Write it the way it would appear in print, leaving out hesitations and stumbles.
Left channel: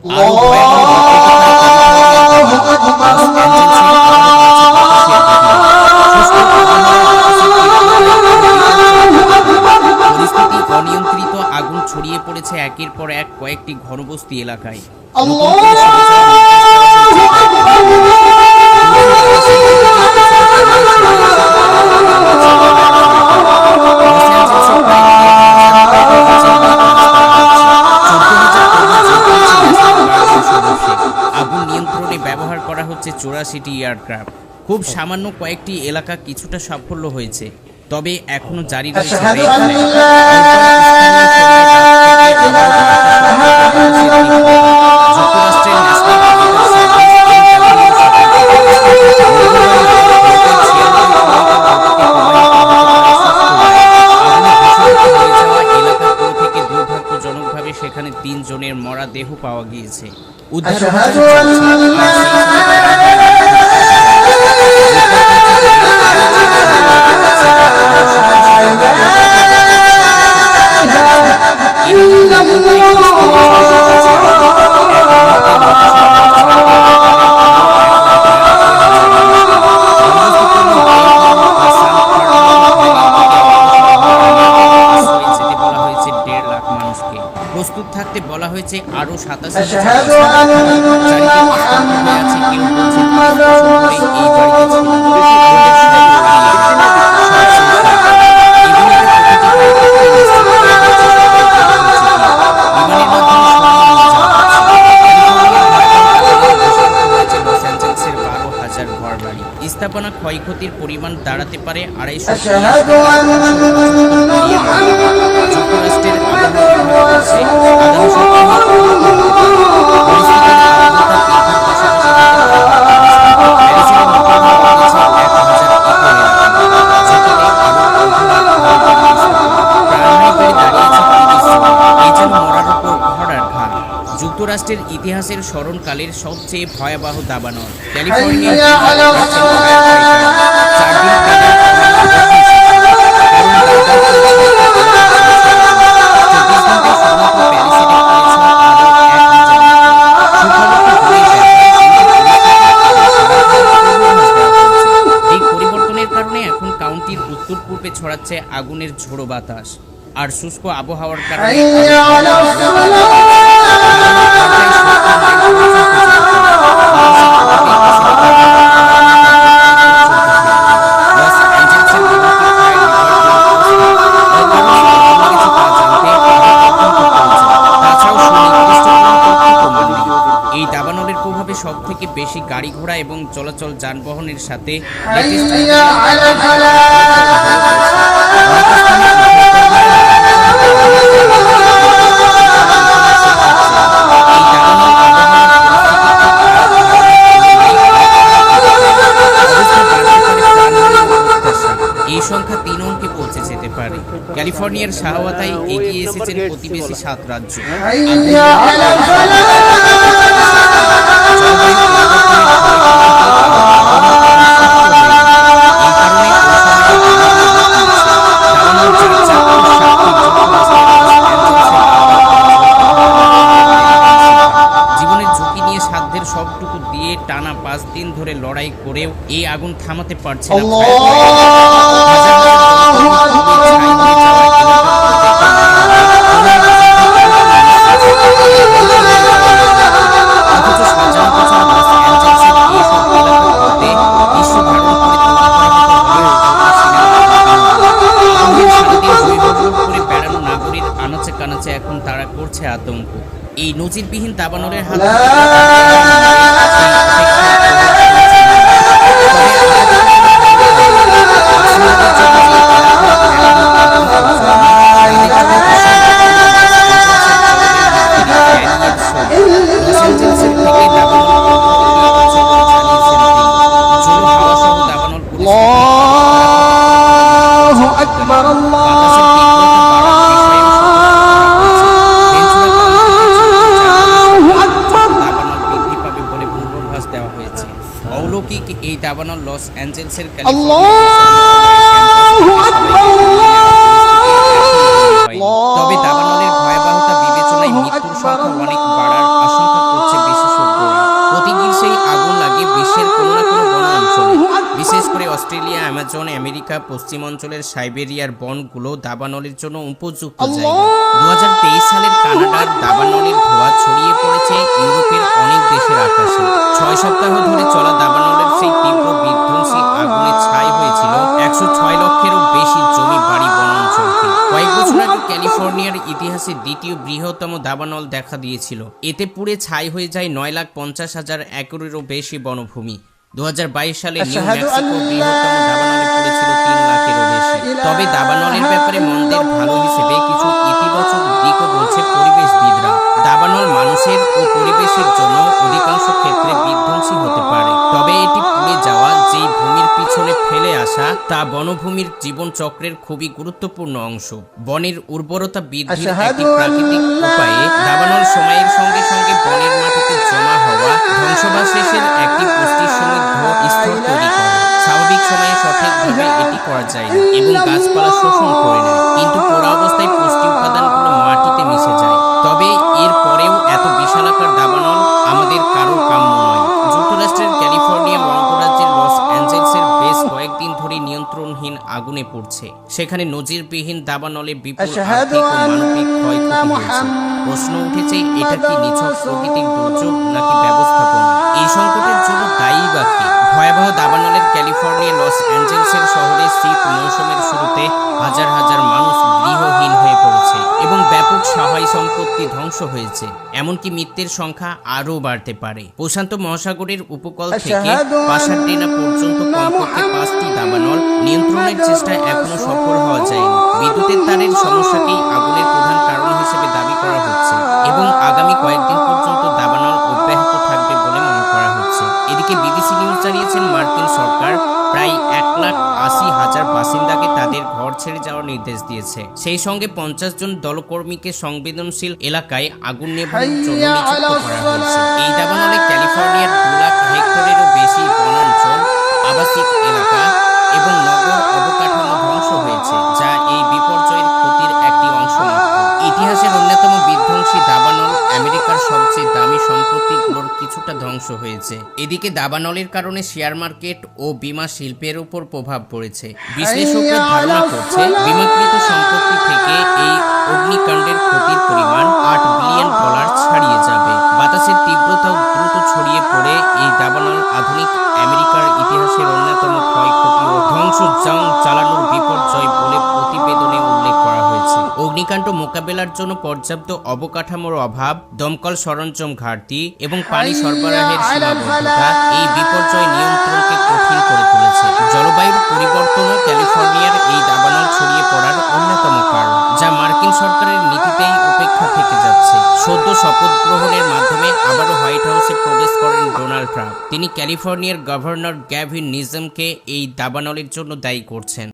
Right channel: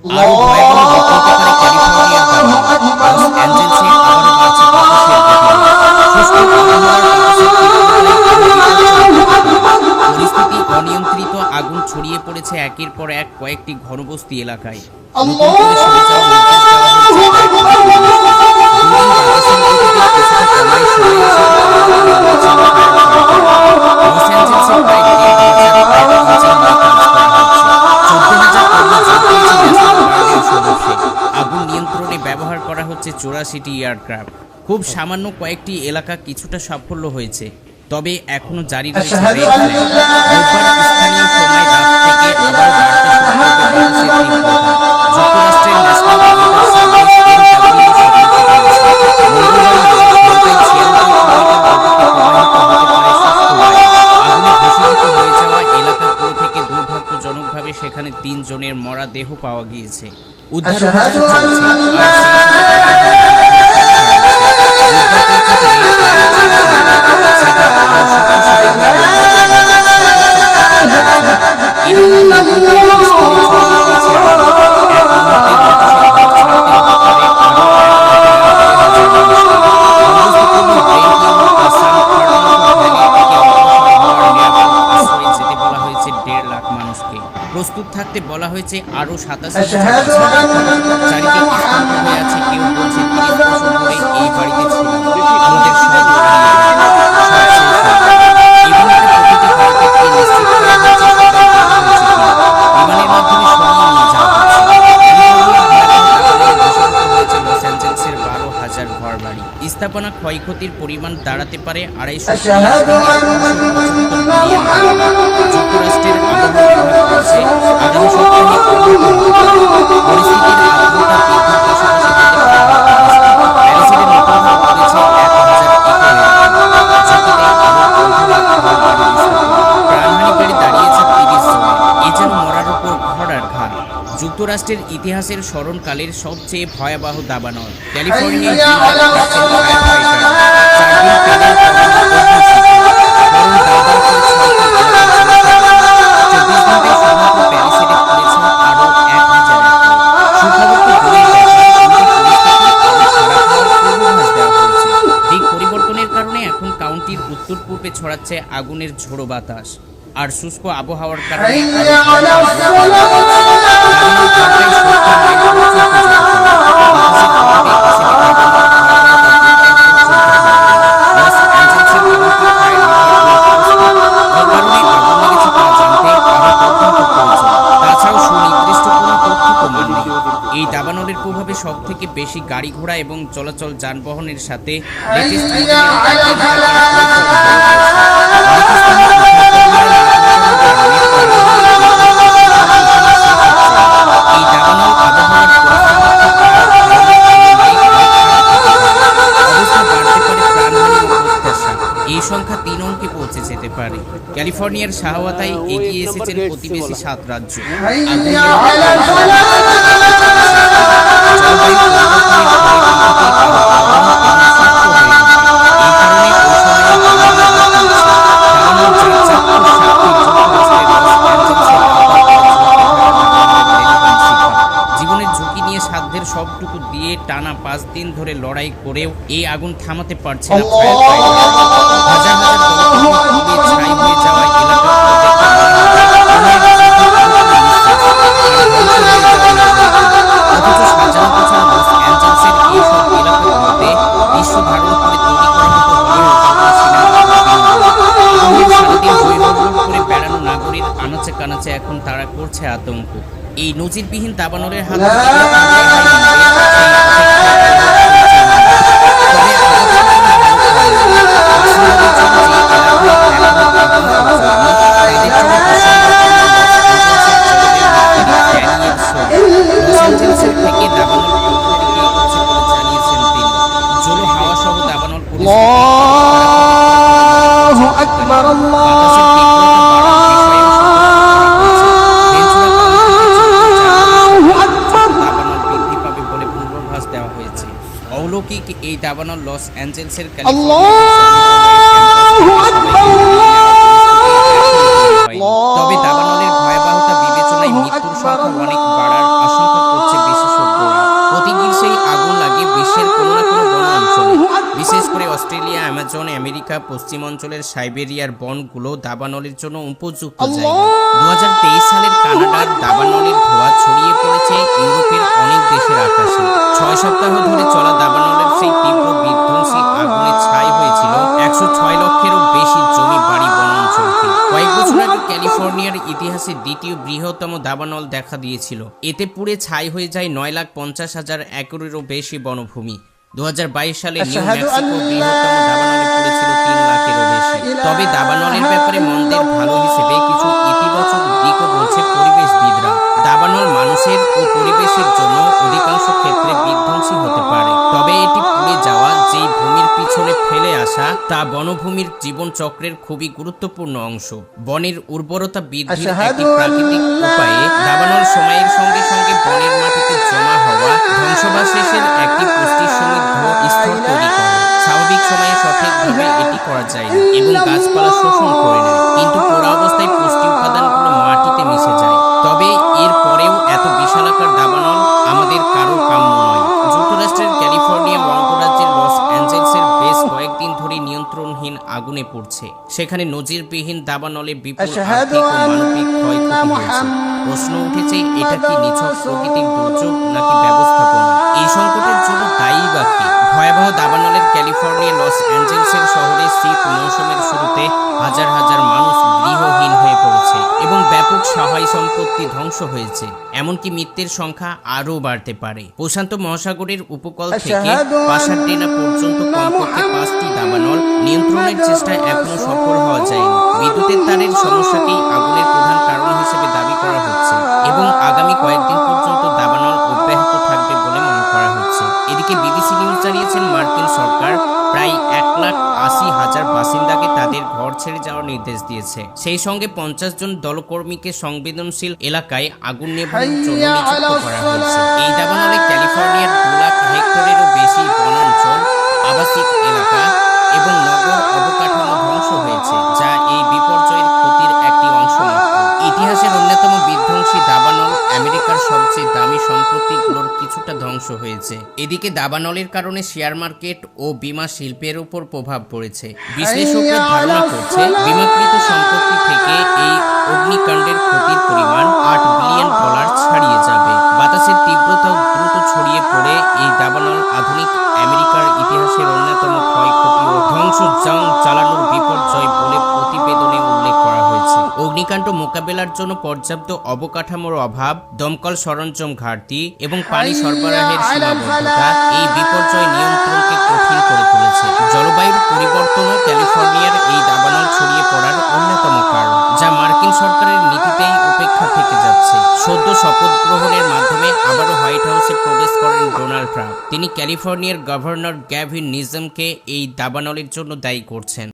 আরো ভয়াবহ বিকৃতি করে ক্যালিফোর্নিয়ার দাবানল। লস অ্যাঞ্জেলসে আবারও বাড়ছে বাতাসের গতিবেগ। শুষ্ক আবহাওয়ার বাতাসের তীব্রতায় আরো বিপজ্জনক হতে পারে। পরিস্থিতি অনিয়ন্ত্রিত, আগুন ছড়িয়ে পড়েছে একের পর এক কয়েকটি ঘনবস্তি এলাকায়। নতুন করে সরে যাওয়ার নির্দেশ দেওয়া হয়েছে কয়েক লাখ মানুষকে। দুদিন বাতাসের গতিবেগ কিছুটা কমায় সময়ের সাথে পাল্লা দিয়ে উঠেছে ফায়ার ফাইটার। লস অ্যাঞ্জেলসে প্রায় 1,500 ফায়ার ইঞ্জিন নিয়ে কাজ করা হচ্ছে। 14,000 কর্মী যোগ দিয়েছে ন্যাশনাল গার্ডের সদস্যে। আগুন নিয়ন্ত্রণে ব্যবহার করা হচ্ছে 84টি এয়ারক্রাফট। খুব সামান্য কয়েকটি এলাকা কিছুটা সাফল্য হয়েছে, তবে এখনো জারি রয়েছে রেড অ্যালার্ট। বুধবার স্থানীয় সময় রাত থেকে আবারও বাড়তে শুরু করবে বাতাসের তীব্রতা। যুক্তরাষ্ট্রের ন্যাশনাল ওয়েদার সার্ভিস NWS সতর্ক করেছে, মঙ্গলবার নাগাদ ঘন্টায় 96 কিলোমিটার গতিতে প্রবাহিত হতে পারে শুষ্ক বায়ু। আগুনে ভূষিত হয়ে যাওয়া এলাকাগুলো থেকে দুর্ভাগ্যজনকভাবে সেখানে 3 জনের মরা দেহ পাওয়া গিয়েছে। উদ্ধার অভিযান চলছে, আর সেই সাথে প্রাণহানি বুধবার পর্যন্ত রেল প্ল্যান চালু থাকবে, সেটা আরও শক্তিশালী হয়ে মঙ্গলবার নাগাদ সর্বোচ্চ গতিতে চলছে। এরই মধ্যে নতুন কয়েকটি স্থানে ছড়িয়ে গিয়েছে আগুন। এক মুহূর্তে মানুষের ঘর ছাড়তে হতে পারে আরও 1,92,000 মানুষকে। বন্দোবস্তপূর্ণ ব্রেন্টিয়াম বা সান ফার্নান্দো ভ্যালির দিকে অগ্রসর হওয়ার নিরাপদ আশ্রয়ে যেতে বলা হয়েছে 1.5 লাখ মানুষকে। প্রস্তুত থাকতে বলা হয়েছে আরও 87,000 বাসিন্দাকে। চারিদিক স্তব্ধ হয়ে আছে, কেউ বলছে 30 বছর ধরে এই বাড়িতে ছিলাম, আমাদের সব হারিয়ে গেল, সব শেষ হয়ে গেল। এবং এটা প্রতিটি বাড়িতে গিয়ে নিশ্চিত করা হচ্ছে সবাই বের হয়েছে কিনা। বিমানের মাধ্যমে সরিয়ে নিয়ে যাওয়া হচ্ছে। ক্যালিফোর্নিয়ার ভয়াবহ দাবানলে ভূষিত হয়েছে লস অ্যাঞ্জেলসের 12,000 ঘরবাড়ি। স্থাপনা ক্ষয়ক্ষতির পরিমাণ দাঁড়াতে পারে 230 থেকে 275 বিলিয়ন ডলার। যুক্তরাষ্ট্রের আবহাওয়া বিভাগ বলছে আগামী সপ্তাহে উন্নত হতে পারে। পরিস্থিতির আর্দ্রতা বৃদ্ধির পাশাপাশি হতে পারে বৃষ্টি। প্যারিসের নির্ধারণ করেছে 1,000 একর এলাকা, ঝুঁকিতে আরও 1.5 লাখ ঘরবাড়ি স্থাপনা। প্রাণহানি বেড়ে দাঁড়িয়েছে 30 জনে। এ যেন মরার উপর ঘোড়ার ঘাট। যুক্তরাষ্ট্রের ইতিহাসের স্মরণকালের সবচেয়ে ভয়াবহ দাবানল। ক্যালিফোর্নিয়ায় থাকছেন ফায়ার ফাইটার। 4 দিন পেলেও কমেনি অগ্নিশিখা। গরম দাউ দাউ করে ছয়টি এলাকা জ্বলছে আগুনে। 24 ঘন্টায় শুধুমাত্র প্যারিসে পুড়েছে আরও 1,000 একর। সুখবর তো দূরের ব্যাপার, কিন্তু পরিস্থিতি আরও খারাপ হওয়ার পূর্বাভাস দেওয়া হয়েছে। দিক পরিবর্তনের কারণে এখন কাউন্টির উত্তর পূর্বে ছড়াচ্ছে আগুনের ঝোড়ো বাতাস, আর শুষ্ক আবহাওয়ার কারণে দাবানল ঘন্টায় 70 মাইল পর্যন্ত যেতে পারে। বাতাসের প্রভাবে হিসেবে দাবানল ভয়াবহতা বৃদ্ধির পর চলতে থাকবে। লস অ্যাঞ্জেলসের কাউন্টি ফায়ার ডিপার্টমেন্ট প্রস্তুত। ওই কারণে আগুন লেগেছে তা জানতে আরও তদন্ত প্রয়োজন। তাছাড়াও সুনির্দিষ্ট কোনো তথ্য প্রমাণ নেই। এই দাবানলের প্রভাবে সবথেকে বেশি গাড়ি ঘোড়া এবং চলাচল যানবাহনের সাথে লেটেস্ট মডেলের আইটেম থাকার পরিস্থিতি হয়ে পড়েছে। অনেক স্থানে উদ্ধারকর্মীরা না পৌঁছানোর কারণে প্রাণহানির বৃদ্ধির আশঙ্কা এখানে শেষ হচ্ছে না। এই দাবানল আবহাওয়ার পরিস্থিতি খুব খারাপ ধারণার তুলনায় আরও খারাপ হতে পারে। অবস্থা বাড়তে পারে প্রাণহানি ও প্রত্যাশা। এই সংখ্যা 3 অঙ্কে পৌঁছে যেতে পারে। ক্যালিফোর্নিয়ার সাহায্যতায় এগিয়ে এসেছেন প্রতিবেশী 7 রাজ্য। জলবায়ু পরিবর্তনের ফলে পৃথিবী আরও গরম এবং শুষ্ক হয়ে ওঠে। এই কারণে ওই সময়ে দাবানল রূপ নিচ্ছে। দাবানল যার চাক্ষুষ সাক্ষী যুক্তরাষ্ট্রের লস অ্যাঞ্জেলসে দাউ দাউ করে জ্বলতে থাকা দাবানলের টেলিফোন শিখা। জীবনের ঝুঁকি নিয়ে সাধ্যের সবটুকু দিয়ে টানা 5 দিন ধরে লড়াই করেও এই আগুন থামাতে পারছে না ফায়ার ফাইটাররা। হাজার হাজার দমকলকর্মী পুড়ে ছাই হয়ে যাওয়া এলাকাগুলো দেখে মনে হবে কোনো এক যুদ্ধে পুরোপুরি নিঃশেষ আর ধ্বংস হয়ে যাওয়া নগরীটি। অথচ সাজানো গোছানো লস অ্যাঞ্জেলসের এইসব এলাকাগুলোতে দৃশ্য ধারণ করে তৈরি করা হতো হলিউড বা সিনেমা বিনোদন। আগুনের সারাদিন হই হুল্লোড় করে বেড়ানো নাগরিক আনাচে কানাচে এখন তারা করছে আতঙ্ক। এই নজিরবিহীন দাবানলের হাত থেকে কখন রেহাই মিলবে সেই অপেক্ষায় প্রহর শুনছে মানুষ। তবে আপাতত কোনো ভালো খবর নেই। বাসিন্দাদের জন্য যে এলাকায় এখনো আগুন পৌঁছায়নি, তাদের জন্য প্রসঙ্গপূর্ণ লস অ্যাঞ্জেলসের জলবায়ু বিজ্ঞানী ড্যানিয়েল সোম। লস অ্যাঞ্জেলসের থেকে দাবানল অন্য দিকে এগোচ্ছে বলে জানিয়েছেন তিনি। জোড়ো হাওয়া সহ দাবানল পরিস্থিতি বাতাসের তীব্রতা বাড়ার বিষয়েও সতর্ক করা হয়েছে। ভেঞ্চুরা কাউন্টি দাবানল বৃদ্ধি পাবে বলে পূর্বাভাস দেওয়া হয়েছে। অলৌকিক এই দাবানল লস অ্যাঞ্জেলসের তবে দাবানলের ভয়াবহতা বিবেচনায় মৃত্যুর সংখ্যা অনেক বাড়ার আশঙ্কা অস্ট্রেলিয়া, অ্যামাজন, আমেরিকা, পশ্চিম অঞ্চলের সাইবেরিয়ার বনগুলো দাবানলের জন্য উপযুক্ত জায়গা। 2023 সালের কানাডার দাবানলের ধোঁয়া ছড়িয়ে পড়েছে ইউরোপের অনেক দেশের আকাশে। 6 সপ্তাহ ধরে চলা দাবানলের সেই তীব্র বিধ্বংসী আগুনে ছাই হয়েছিল 106 লক্ষেরও বেশি জমি, বাড়ি, বনাঞ্চলকে। কয়েক বছর আগে ক্যালিফোর্নিয়ার ইতিহাসে দ্বিতীয় বৃহত্তম দাবানল দেখা দিয়েছিল। এতে পুড়ে ছাই হয়ে যায় 9,50,000 একরেরও বেশি বনভূমি। 2022 সালে নিউ মেক্সিকো বৃহত্তম দাবানলে পড়েছিল 3 লাখেরও বেশি। তবে দাবানলের ব্যাপারে মন্দের ভালো হিসেবে কিছু ইতিবাচক দিকও বলছে পরিবেশবিদরা। দাবানল মানুষের ও পরিবেশের জন্য অধিকাংশ ক্ষেত্রে বিধ্বংসী হতে পারে, তবে এটি পুড়ে যাওয়া যেই ভূমির পিছনে ফেলে আসা তা বনভূমির জীবনচক্রের খুবই গুরুত্বপূর্ণ অংশ। বনের উর্বরতা বৃদ্ধির একটি প্রাকৃতিক উপায়ে দাবানল সময়ের সঙ্গে সঙ্গে বনের মাটিতে জমা হওয়া ধ্বংসাবশেষের একটি পুষ্টি সমৃদ্ধ স্তর তৈরি করে। স্বাভাবিক সময়ে সঠিকভাবে এটি করা যায় না এবং গাছপালা শোষণ করে নেয়, কিন্তু পোড়া অবস্থায় পুষ্টি উপাদানগুলো মাটিতে মিশে যায়। তবে এর পরেও এত বিশালাকার দাবানল আমাদের কারো কাম্য নয়। যুক্তরাষ্ট্রের ক্যালিফোর্নিয়া অঙ্গরাজ্যের লস অ্যাঞ্জেলসের বেশ কয়েকদিন ধরে নিয়ন্ত্রণহীন আগুনে পড়ছে। সেখানে নজিরবিহীন দাবানলে বিপুল আর্থিক ও মানবিক ক্ষয়ক্ষতি হয়েছে। প্রশ্ন উঠেছে, এটা কি নিছক প্রাকৃতিক দুর্যোগ নাকি ব্যবস্থাপনা? এই সংকটের জন্য দায়ী বা কি? ভয়াবহ দাবানলের ক্যালিফোর্নিয়া লস অ্যাঞ্জেলসের শহরে শীত মৌসুমের শুরুতে হাজার হাজার মানুষ গৃহহীন হয়ে পড়েছে এবং ব্যাপক সহায় সম্পত্তি ধ্বংস হয়েছে। এমনকি মৃত্যুর সংখ্যা আরও বাড়তে পারে। প্রশান্ত মহাসাগরের উপকূল থেকে পাসাডেনা পর্যন্ত কমপক্ষে 5টি দাবানল নিয়ন্ত্রণের চেষ্টায় এখনো সফল হওয়া যায়নি। বিদ্যুতের তারের সমস্যাকেই আগুনের প্রধান কারণ হিসেবে দাবি করা হচ্ছে এবং আগামী কয়েকদিন পর্যন্ত দাবানল অব্যাহত থাকবে বলে মনে করা হচ্ছে। এদিকে বিবিসি নিউজ জানিয়েছেন, মার্কিন সরকার প্রায় 1,80,000 বাসিন্দাকে তাদের ঘর ছেড়ে যাওয়ার নির্দেশ দিয়েছে। সেই সঙ্গে 50 জন দলকর্মীকে সংবেদনশীল এলাকায় আগুন নেভানোর জন্য নিযুক্ত করা হয়েছে। এই দাবানলে ক্যালিফোর্নিয়ার 2 লাখ হেক্টরেরও বেশি বনাঞ্চল, আবাসিক এলাকা এবং নগর অবকাঠামো ধ্বংস হয়েছে, যা এই বিপর্যয়ের ক্ষতির একটি অংশ মাত্র। ইতিহাসের অন্যতম বিধ্বংসী দাবানল আমেরিকার সবচেয়ে দামি সম্পত্তিগুলোর কিছুটা ধ্বংস হয়েছে। এদিকে দাবানলের কারণে শেয়ার মার্কেট ও বীমা শিল্পের উপর প্রভাব পড়েছে। বিশ্লেষকরা ধারণা করছে, বিমাকৃত সম্পত্তি থেকে এই অগ্নিকাণ্ডের ক্ষতির পরিমাণ $8 বিলিয়ন ছাড়িয়ে যাবে। বাতাসের তীব্রতাও দ্রুত ছড়িয়ে পড়ে এই দাবানল আধুনিক আমেরিকার ইতিহাসের অন্যতম ক্ষয়ক্ষতি ও ধ্বংস চালানোর বিপর্যয় বলে প্রতিবেদনে উল্লেখ করা হয়েছে। অগ্নিকাণ্ড মোকাবেলার জন্য পর্যাপ্ত অবকাঠামোর অভাব, দমকল সরঞ্জাম ঘাটতি এবং পানি সরবরাহের সীমাবদ্ধতা এই বিপর্যয় নিয়ন্ত্রণকে কঠিন করে তুলেছে। জলবায়ুর পরিবর্তনও ক্যালিফোর্নিয়ার এই দাবানল ছড়িয়ে পড়ার অন্যতম কারণ, যা মার্কিন সরকারের নীতিতেই উপেক্ষা থেকে যাচ্ছে। সদ্য শপথ গ্রহণের মাধ্যমে আবারও হোয়াইট হাউসে প্রবেশ করেন ডোনাল্ড ট্রাম্প। তিনি ক্যালিফোর্নিয়ার গভর্নর গ্যাভিন নিউসমকে এই দাবানলের জন্য দায়ী করছেন।